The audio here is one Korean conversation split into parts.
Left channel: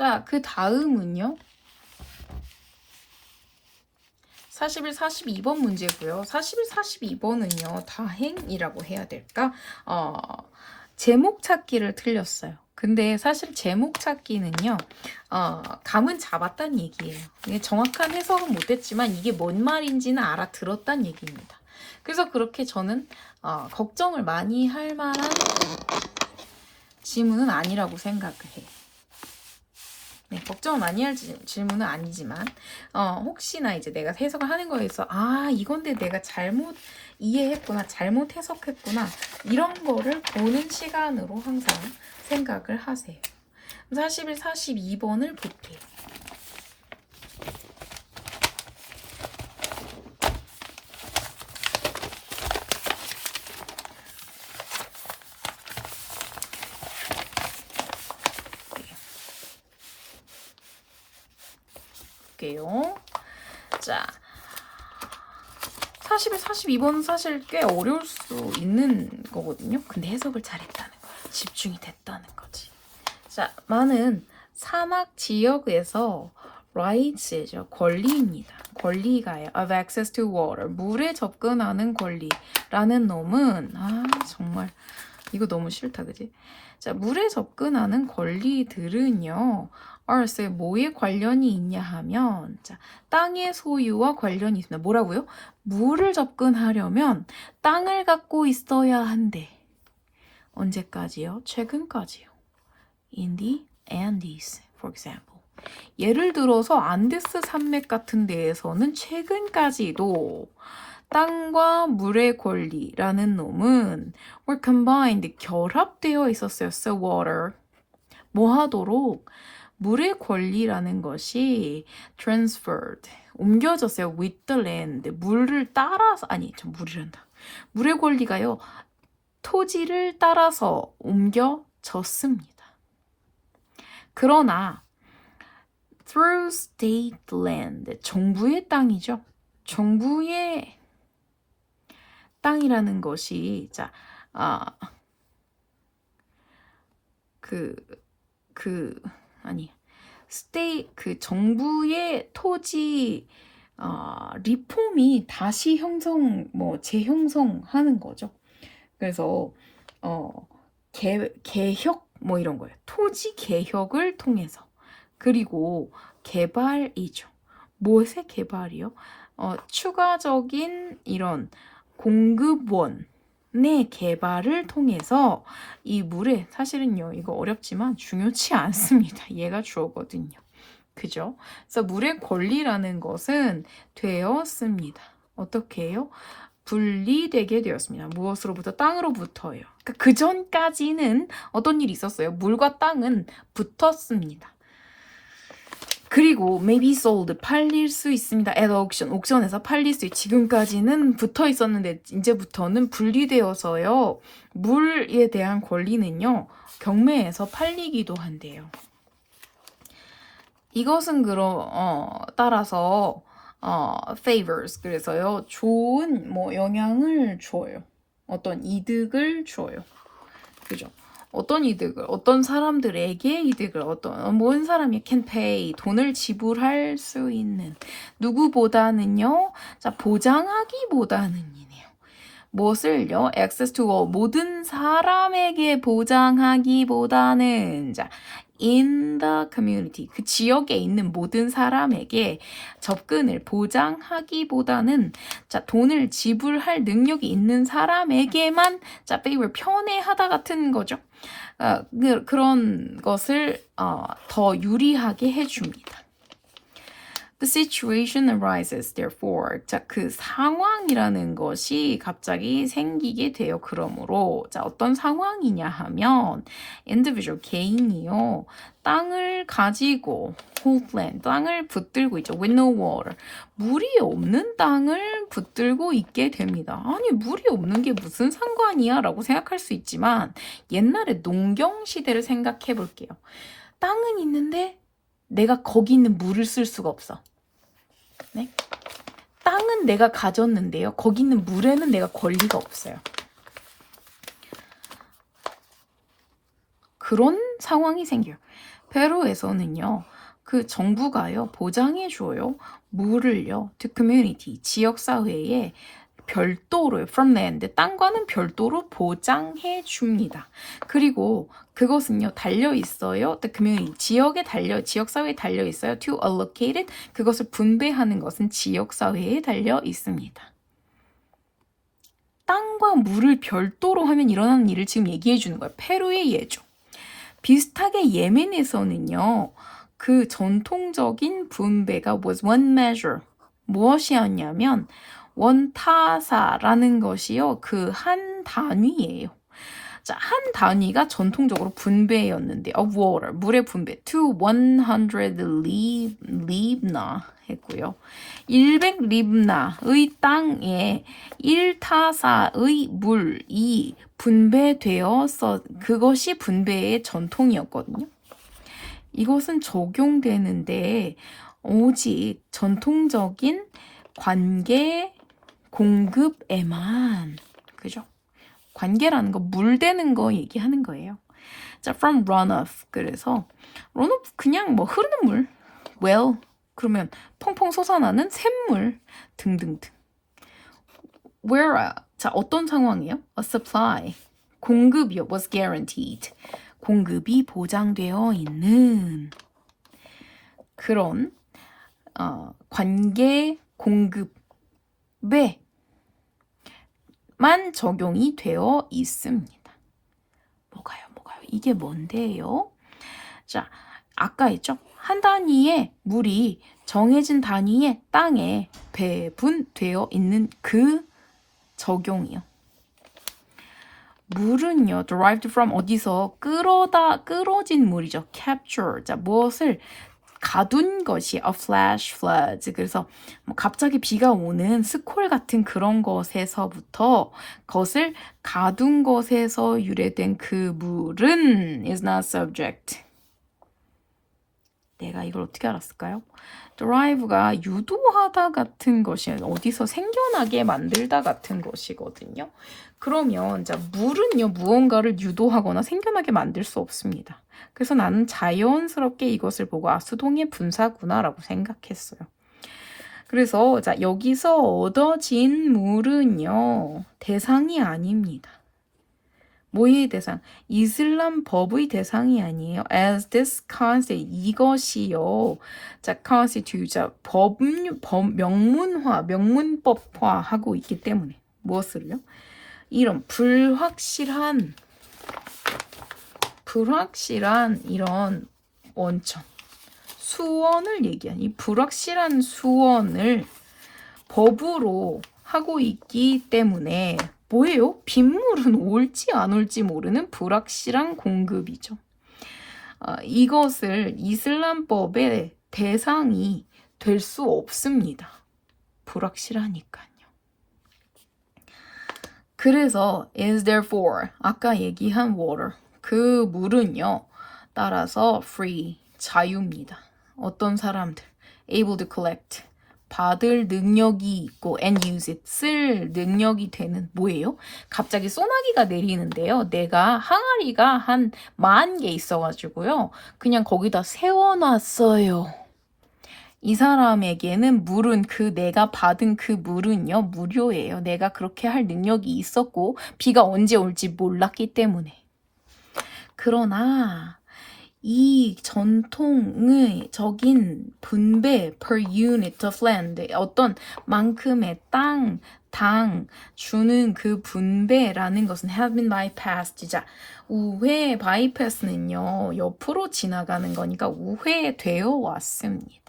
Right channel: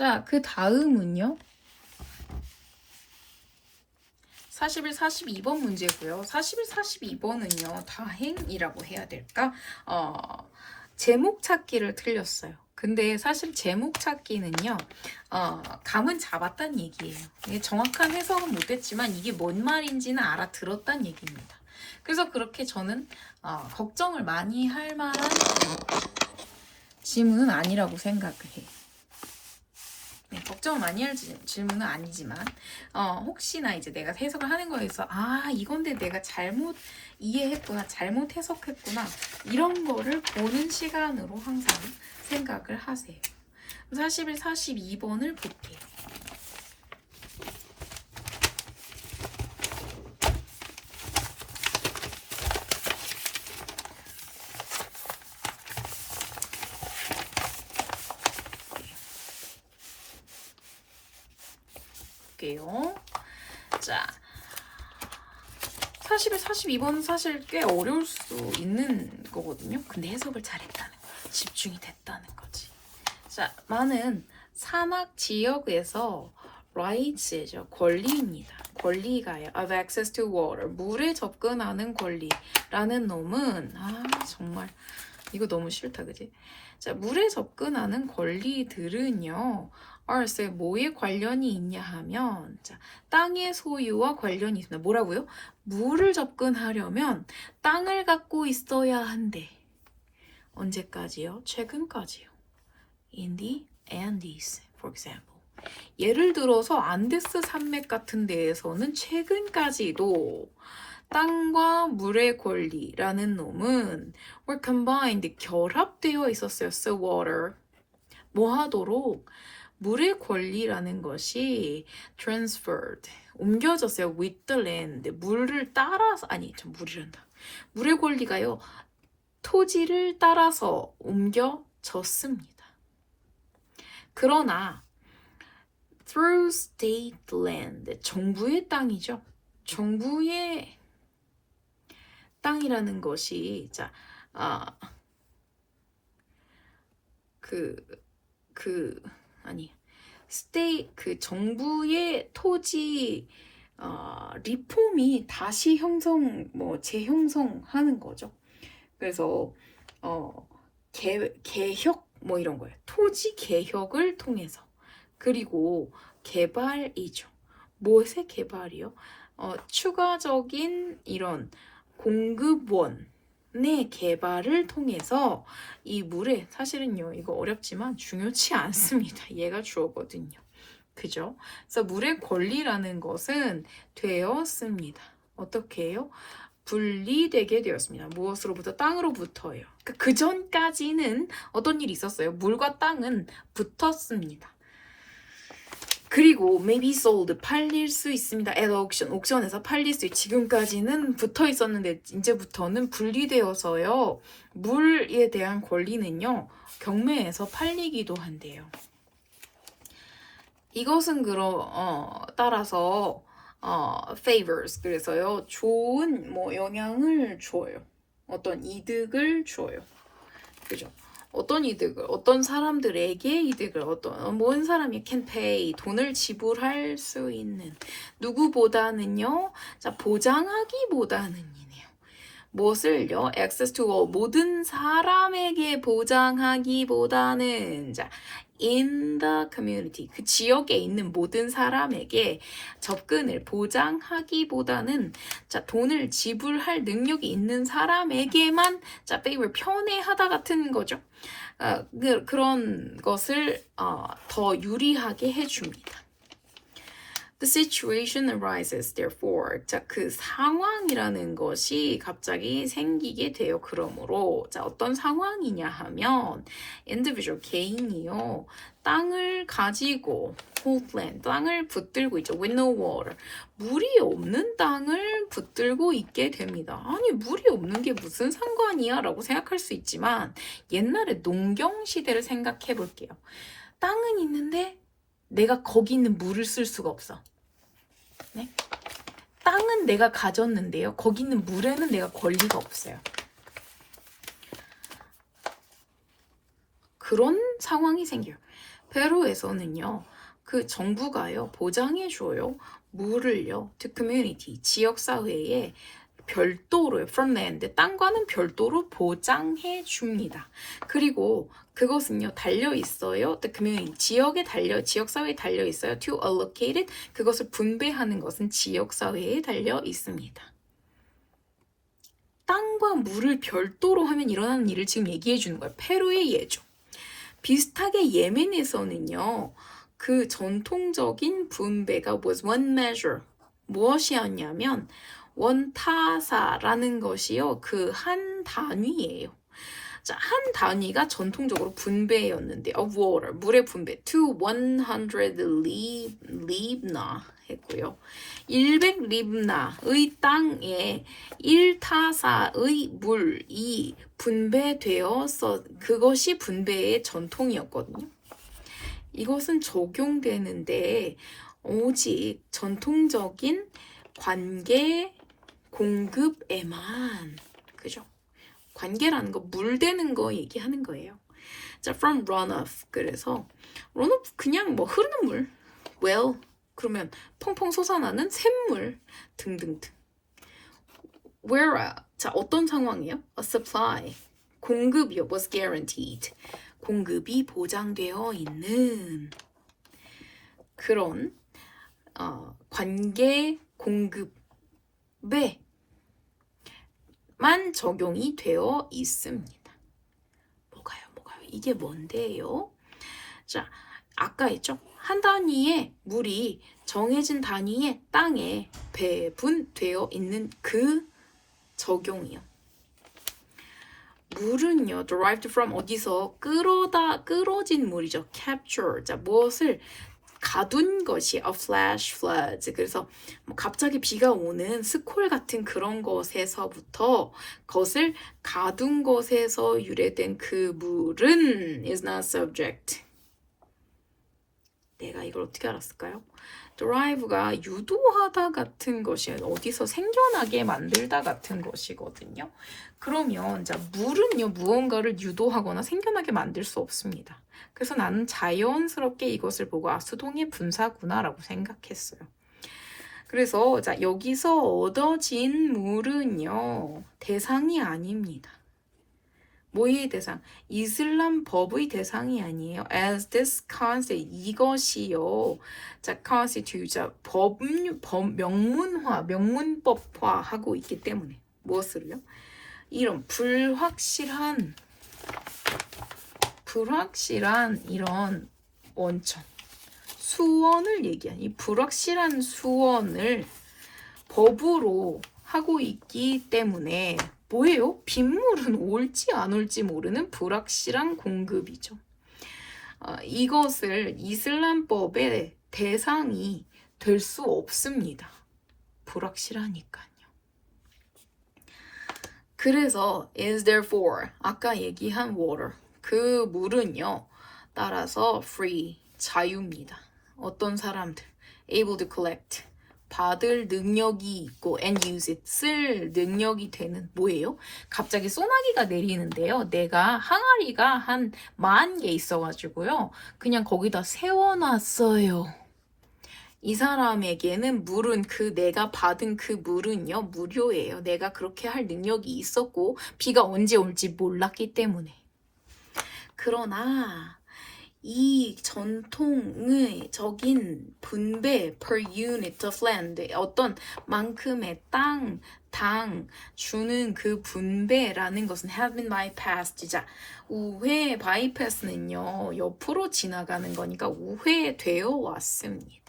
자, 그 다음은요. 41, 42번 문제고요. 41, 42번은요. 다행이라고 해야 될까? 제목 찾기를 틀렸어요. 근데 사실 제목 찾기는요. 감은 잡았단 얘기예요. 이게 정확한 해석은 못했지만 이게 뭔 말인지는 알아들었단 얘기입니다. 그래서 그렇게 저는 걱정을 많이 할 만한 질문은 아니라고 생각을 해요. 네, 걱정을 많이 할 질문은 아니지만 혹시나 이제 내가 해석을 하는 거에서 이건데 내가 잘못 이해했구나, 잘못 해석했구나 이런 거를 보는 시간으로 항상 생각을 하세요. 41, 42번을 볼게요. 볼게요. 자, 41, 42번은 사실 꽤 어려울 수 있는 거거든요. 근데 해석을 잘했다는 거예요. 집중이 됐다는 거지. 자, 많은 산악 지역에서 rights죠. 권리입니다. 권리가요. of access to water. 물에 접근하는 권리라는 놈은 정말 이거 너무 싫다, 그지? 자, 물에 접근하는 권리들은요. earth에 뭐에 관련이 있냐 하면 자, 땅의 소유와 관련이 있습니다. 뭐라고요? 물을 접근하려면 땅을 갖고 있어야 한대. 언제까지요? 최근까지요. In the Andes, for example. 예를 들어서 안데스 산맥 같은 데에서는 최근까지도 땅과 물의 권리라는 놈은 were combined, 결합되어 있었어요. So water. 뭐 하도록? 물의 권리라는 것이 transferred, 옮겨졌어요. with the land. 물을 따라서, 물이란다. 물의 권리가요. 토지를 따라서 옮겨졌습니다. 그러나 through state land, 정부의 땅이죠. 정부의 땅이라는 것이 정부의 토지 리폼이 다시 재형성하는 거죠. 그래서 개혁 이런 거예요. 토지 개혁을 통해서. 그리고 개발이죠. 무엇의 개발이요? 추가적인 이런 공급원의 개발을 통해서 이 물에, 사실은요 이거 어렵지만 중요치 않습니다. 얘가 주어거든요. 그죠? 그래서 물의 권리라는 것은 되었습니다. 어떻게 해요? 분리되게 되었습니다. 무엇으로부터? 땅으로부터요. 그러니까 그 전까지는 어떤 일이 있었어요? 물과 땅은 붙었습니다. 그리고 maybe sold, 팔릴 수 있습니다. at auction, 옥션에서 팔릴 수 있. 지금까지는 붙어 있었는데 이제부터는 분리되어서요. 물에 대한 권리는요. 경매에서 팔리기도 한대요. 이것은 따라서 favors, 그래서요. 좋은 영향을 줘요. 어떤 이득을 줘요. 그죠? 어떤 이득을, 어떤 사람들에게 이득을, 모든 사람이 can pay, 돈을 지불할 수 있는, 누구보다는요, 자, 보장하기보다는이네요. 무엇을요? access to all, 모든 사람에게 보장하기보다는, 자, in the community, 그 지역에 있는 모든 사람에게 접근을 보장하기보다는, 자, 돈을 지불할 능력이 있는 사람에게만, 자, favor, 편애하다 같은 거죠. 그런 것을 더 유리하게 해줍니다. The situation arises, therefore. 자, 그 상황이라는 것이 갑자기 생기게 돼요. 그러므로, 자, 어떤 상황이냐 하면, individual, 개인이요. 땅을 가지고, hold land, 땅을 붙들고 있죠. with no water. 물이 없는 땅을 붙들고 있게 됩니다. 아니, 물이 없는 게 무슨 상관이야? 라고 생각할 수 있지만, 옛날에 농경 시대를 생각해 볼게요. 땅은 있는데, 내가 거기 있는 물을 쓸 수가 없어. 네? 땅은 내가 가졌는데요. 거기 있는 물에는 내가 권리가 없어요. 그런 상황이 생겨요. 페루에서는요, 그 정부가요, 보장해줘요. 물을요, to community, 지역사회에 별도로, from land, 땅과는 별도로 보장해 줍니다. 그리고 그것은요, 달려 있어요. the community, 지역사회에 달려 있어요. to allocate it, 그것을 분배하는 것은 지역사회에 달려 있습니다. 땅과 물을 별도로 하면 일어나는 일을 지금 얘기해 주는 거예요. 페루의 예죠. 비슷하게 예멘에서는요, 그 전통적인 분배가 was one measure. 무엇이었냐면, 원타사라는 것이요, 그 한 단위예요. 자, 한 단위가 전통적으로 분배였는데, of water, 물의 분배, to 100 libna 했고요. 100 libna의 땅에 1타사의 물이 분배되어서 그것이 분배의 전통이었거든요. 이것은 적용되는데 오직 전통적인 관계 공급에만, 그죠? 관계라는 거, 물 되는 거 얘기하는 거예요. 자, from runoff. 그래서 runoff 그냥 뭐 흐르는 물, well, 그러면 펑펑 솟아나는 샘물 등등등. Where, 자, 어떤 상황이에요? A supply, 공급이요, was guaranteed. 공급이 보장되어 있는 그런 관계 공급에만 적용이 되어 있습니다. 뭐가요? 이게 뭔데요? 자, 아까 했죠? 한 단위의 물이 정해진 단위의 땅에 배분되어 있는 그 적용이요. 물은요, derived from 어디서 끌어진 물이죠. capture. 자, 무엇을 가둔 것이 a flash floods. 그래서 뭐 갑자기 비가 오는 스콜 같은 그런 것에서부터 것을 가둔 것에서 유래된 그 물은 is not subject. 내가 이걸 어떻게 알았을까요? derive가 유도하다 같은 것이 어디서 생겨나게 만들다 같은 것이거든요. 그러면 자, 물은요, 무언가를 유도하거나 생겨나게 만들 수 없습니다. 그래서 나는 자연스럽게 이것을 보고 수동의 분사구나라고 생각했어요. 그래서 자, 여기서 얻어진 물은요, 대상이 아닙니다. 뭐의 대상? 이슬람 법의 대상이 아니에요. As this constitute, 이것이요. 자, constitute, 자, 명문법화 하고 있기 때문에. 무엇을요? 이런 불확실한 이런 원천, 수원을 얘기한 이 불확실한 수원을 법으로 하고 있기 때문에 뭐예요? 빗물은 올지 안 올지 모르는 불확실한 공급이죠. 이것을 이슬람법의 대상이 될 수 없습니다. 불확실하니까요. 그래서 is therefore 아까 얘기한 water 그 물은요 따라서 free 자유입니다. 어떤 사람들 able to collect 받을 능력이 있고 and use it 쓸 능력이 되는 뭐예요? 갑자기 소나기가 내리는데요. 내가 항아리가 한 10,000개 있어가지고요. 그냥 거기다 세워놨어요. 이 사람에게는 물은 내가 받은 그 물은요 무료예요. 내가 그렇게 할 능력이 있었고 비가 언제 올지 몰랐기 때문에. 그러나 이 전통의 적인 분배 per unit of land 어떤 만큼의 당 주는 그 분배라는 것은 have been bypassed. 자, 우회 bypass는요 옆으로 지나가는 거니까 우회되어 왔습니다.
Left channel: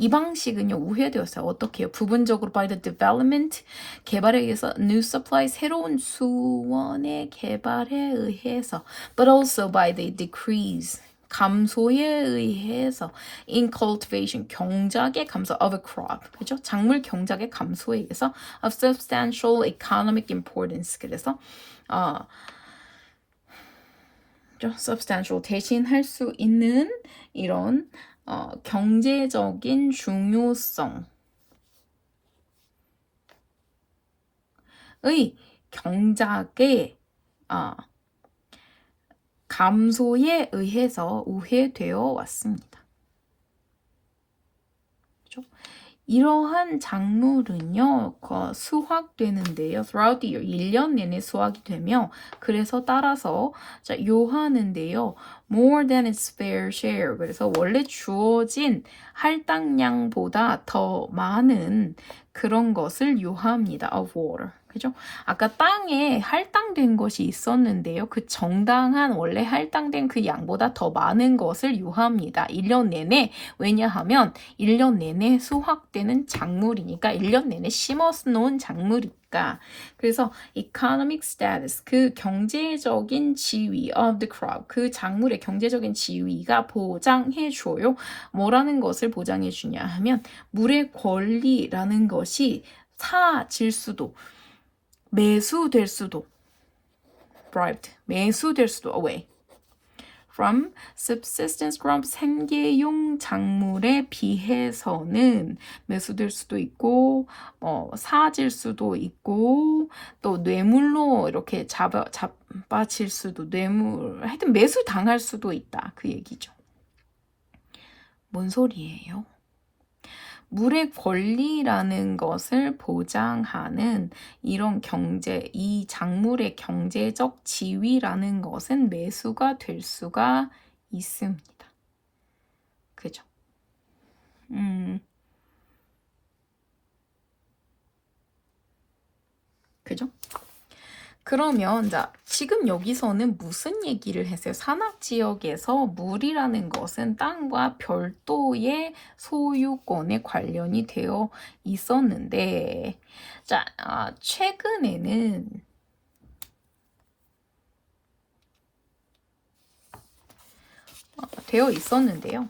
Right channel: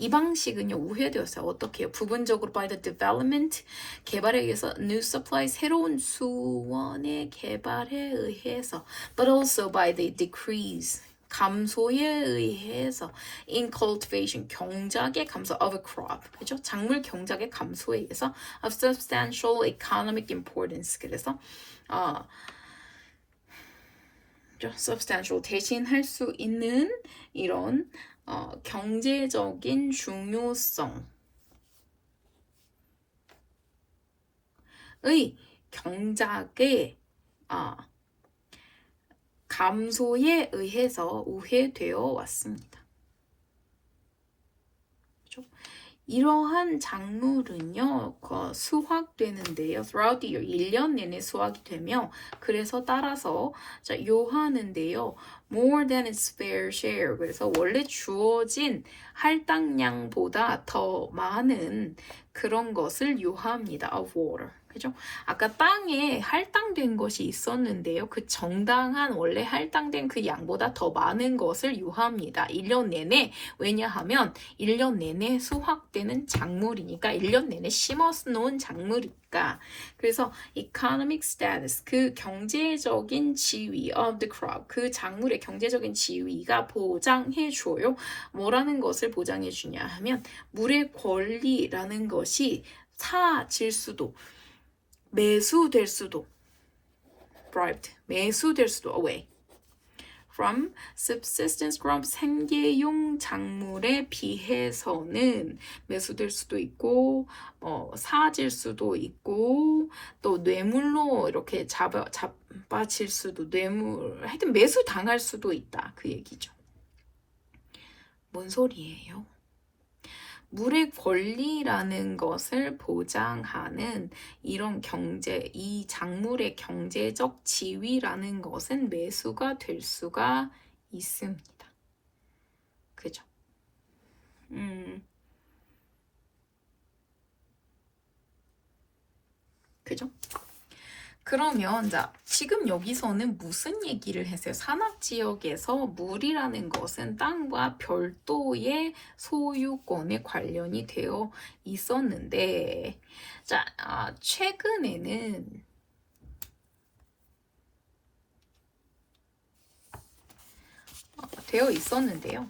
이 방식은요 우회되었어요. 어떻게 해요? 부분적으로 by the development 개발에 의해서 new supply 새로운 수원의 개발에 의해서 but also by the decrease 감소에 의해서 in cultivation 경작의 감소 of a crop 그죠? 작물 경작의 감소에 의해서 of substantial economic importance 그래서 substantial 대신할 수 있는 이런 경제적인 중요성의 경작의 감소에 의해서 우회되어 왔습니다. 그죠? 이러한 작물은요, 수확되는데요. throughout the year, 1년 내내 수확이 되며, 그래서 따라서 자, 요하는데요. more than its fair share. 그래서 원래 주어진 할당량보다 더 많은 그런 것을 요합니다. of water. 그죠? 아까 땅에 할당된 것이 있었는데요. 그 정당한 원래 할당된 그 양보다 더 많은 것을 요합니다. 1년 내내. 왜냐하면 1년 내내 수확되는 작물이니까 1년 내내 심어서 놓은 작물이니까. 그래서 economic status, 그 경제적인 지위 of the crop, 그 작물의 경제적인 지위가 보장해줘요. 뭐라는 것을 보장해주냐 하면 물의 권리라는 것이 사질 수도 매수될 수도 bribed, 매수될 수도 away from subsistence crop, 생계용 작물에 비해서는 매수될 수도 있고 사질 수도 있고 또 뇌물로 이렇게 잡아칠 수도 하여튼 매수 당할 수도 있다 그 얘기죠. 뭔 소리예요? 물의 권리라는 것을 보장하는 이런 이 작물의 경제적 지위라는 것은 매수가 될 수가 있습니다. 그죠? 그죠? 그러면 자, 지금 여기서는 무슨 얘기를 했어요? 산악지역에서 물이라는 것은 땅과 별도의 소유권에 관련이 되어 있었는데 자, 최근에는 되어 있었는데요.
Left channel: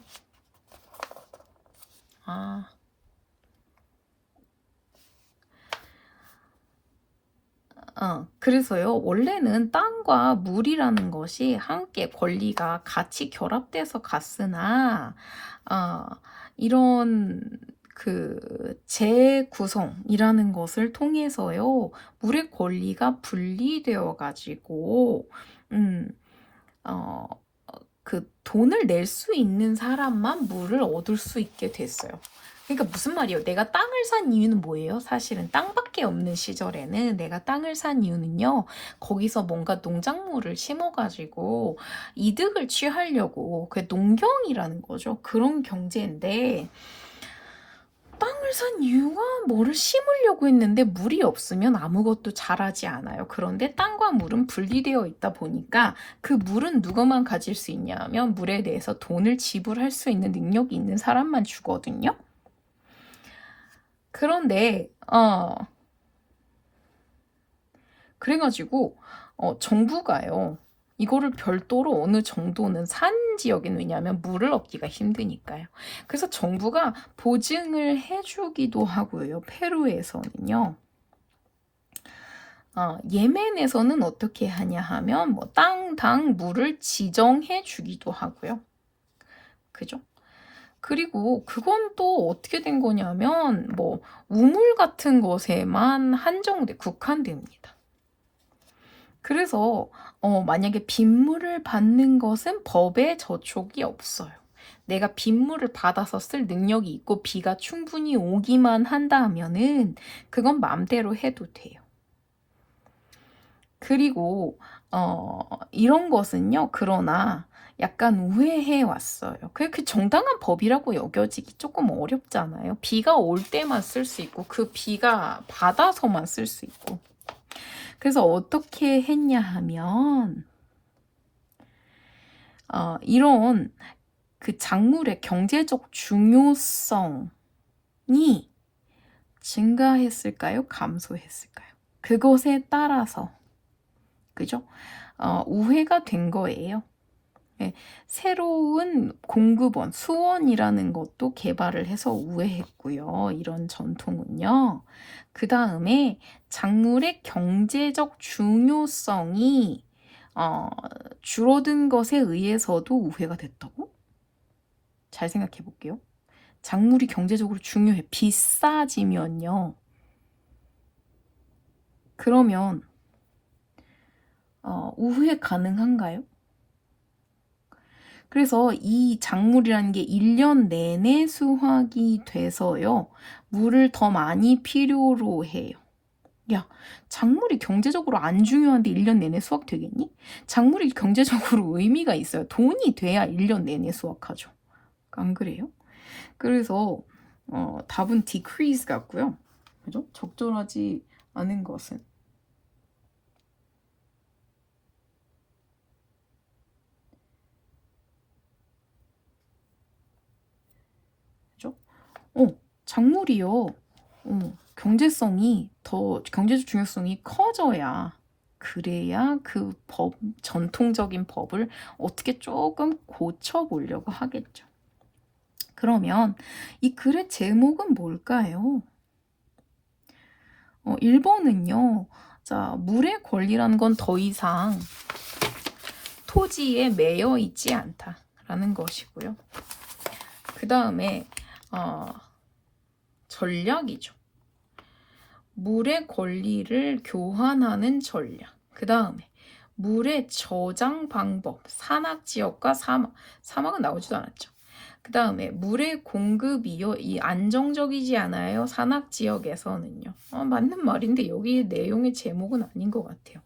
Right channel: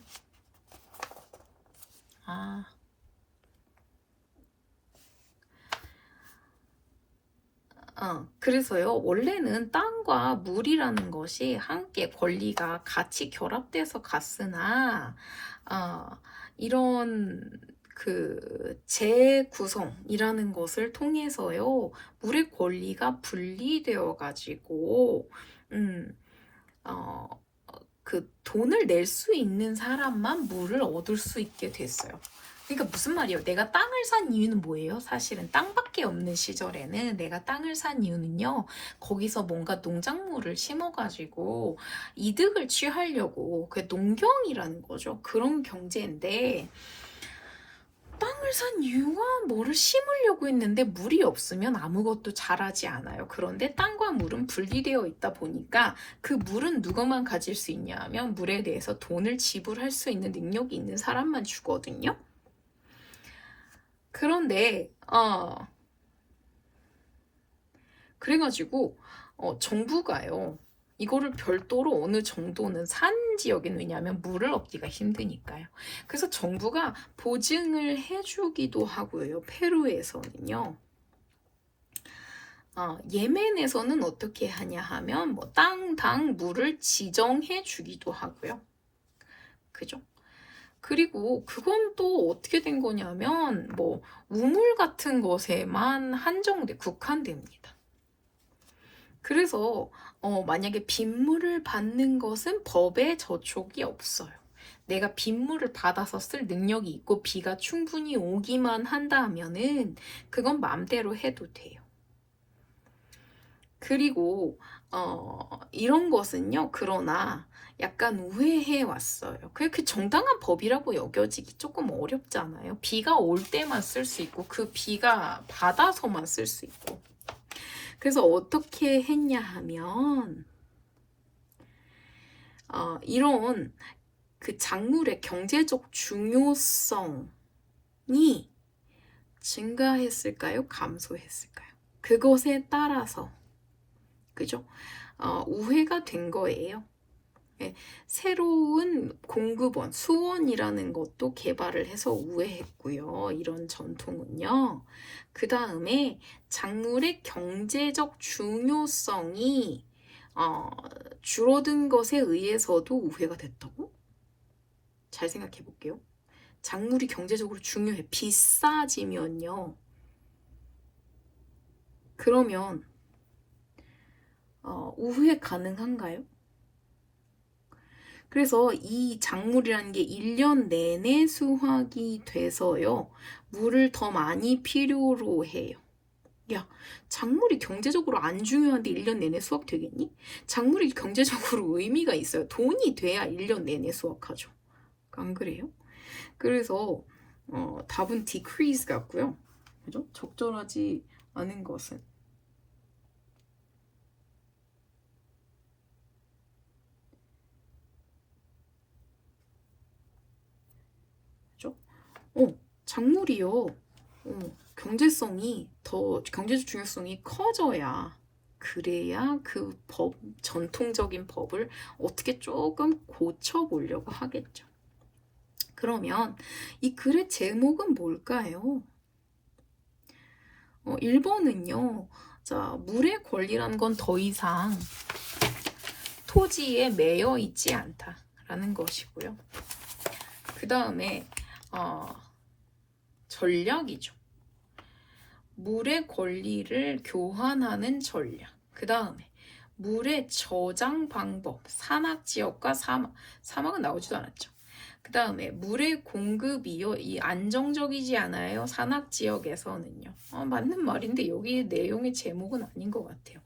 그래서요, 원래는 땅과 물이라는 것이 함께 권리가 같이 결합돼서 갔으나, 이런 그 재구성이라는 것을 통해서요, 물의 권리가 분리되어 가지고, 그 돈을 낼 수 있는 사람만 물을 얻을 수 있게 됐어요. 그러니까 무슨 말이에요? 내가 땅을 산 이유는 뭐예요? 사실은 땅밖에 없는 시절에는 내가 땅을 산 이유는요. 거기서 뭔가 농작물을 심어가지고 이득을 취하려고 그게 농경이라는 거죠. 그런 경제인데 땅을 산 이유가 뭐를 심으려고 했는데 물이 없으면 아무것도 자라지 않아요. 그런데 땅과 물은 분리되어 있다 보니까 그 물은 누구만 가질 수 있냐면 물에 대해서 돈을 지불할 수 있는 능력이 있는 사람만 주거든요. 그런데 그래가지고 정부가요. 이거를 별도로 어느 정도는 산 지역에는 왜냐하면 물을 얻기가 힘드니까요. 그래서 정부가 보증을 해주기도 하고요. 페루에서는요. 예멘에서는 어떻게 하냐 하면 뭐 땅당 물을 지정해 주기도 하고요. 그죠? 그리고 그건 또 어떻게 된 거냐면 뭐 우물 같은 것에만 국한됩니다. 그래서 만약에 빗물을 받는 것은 법에 저촉이 없어요. 내가 빗물을 받아서 쓸 능력이 있고 비가 충분히 오기만 한다 하면은 그건 마음대로 해도 돼요. 그리고 이런 것은요. 그러나 약간 우회해 왔어요. 그 정당한 법이라고 여겨지기 조금 어렵잖아요. 비가 올 때만 쓸 수 있고 그 비가 받아서만 쓸 수 있고. 그래서 어떻게 했냐 하면 이런 그 작물의 경제적 중요성이 증가했을까요? 감소했을까요? 그것에 따라서 그죠? 우회가 된 거예요. 네, 새로운 공급원, 수원이라는 것도 개발을 해서 우회했고요. 이런 전통은요. 그 다음에 작물의 경제적 중요성이 줄어든 것에 의해서도 우회가 됐다고? 잘 생각해 볼게요. 작물이 경제적으로 중요해. 비싸지면요. 그러면 우회 가능한가요? 그래서 이 작물이라는 게 1년 내내 수확이 돼서요. 물을 더 많이 필요로 해요. 야, 작물이 경제적으로 안 중요한데 1년 내내 수확되겠니? 작물이 경제적으로 의미가 있어요. 돈이 돼야 1년 내내 수확하죠. 안 그래요? 그래서 답은 decrease 같고요. 그죠? 적절하지 않은 것은 그죠? 작물이요. 경제적 중요성이 커져야 그래야 그 전통적인 법을 어떻게 조금 고쳐보려고 하겠죠. 그러면 이 글의 제목은 뭘까요? 1번은요. 자, 물의 권리라는 건 더 이상 토지에 매여 있지 않다라는 것이고요. 그 다음에 전략이죠. 물의 권리를 교환하는 전략. 그 다음에 물의 저장 방법, 산악지역과 사막은 나오지도 않았죠. 그 다음에 물의 공급이요, 이 안정적이지 않아요. 산악지역에서는요. 맞는 말인데 여기 내용의 제목은 아닌 것 같아요.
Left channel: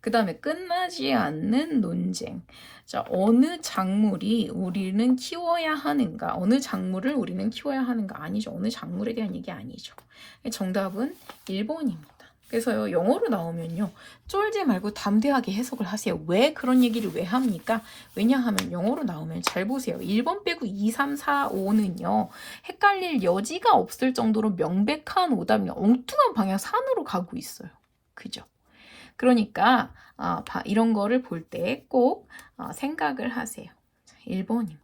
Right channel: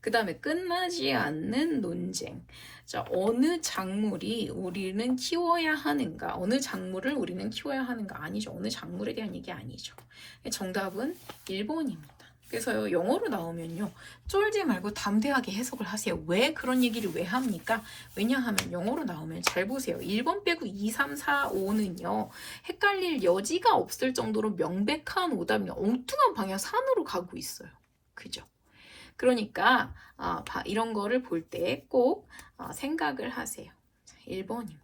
그 다음에 끝나지 않는 논쟁. 자, 어느 작물이 우리는 키워야 하는가? 어느 작물을 우리는 키워야 하는가? 아니죠. 어느 작물에 대한 얘기 아니죠. 정답은 1번입니다. 그래서요, 영어로 나오면요, 쫄지 말고 담대하게 해석을 하세요. 왜 그런 얘기를 왜 합니까? 왜냐하면 영어로 나오면 잘 보세요. 1번 빼고 2, 3, 4, 5는요, 헷갈릴 여지가 없을 정도로 명백한 오답이 엉뚱한 방향 산으로 가고 있어요. 그죠? 그러니까 이런 거를 볼 때 꼭 생각을 하세요. 1번입니다.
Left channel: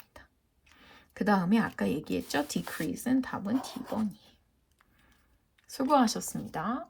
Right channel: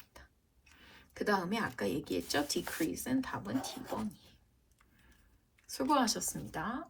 그 다음에 아까 얘기했죠? decrease는 답은 D번이에요. 수고하셨습니다.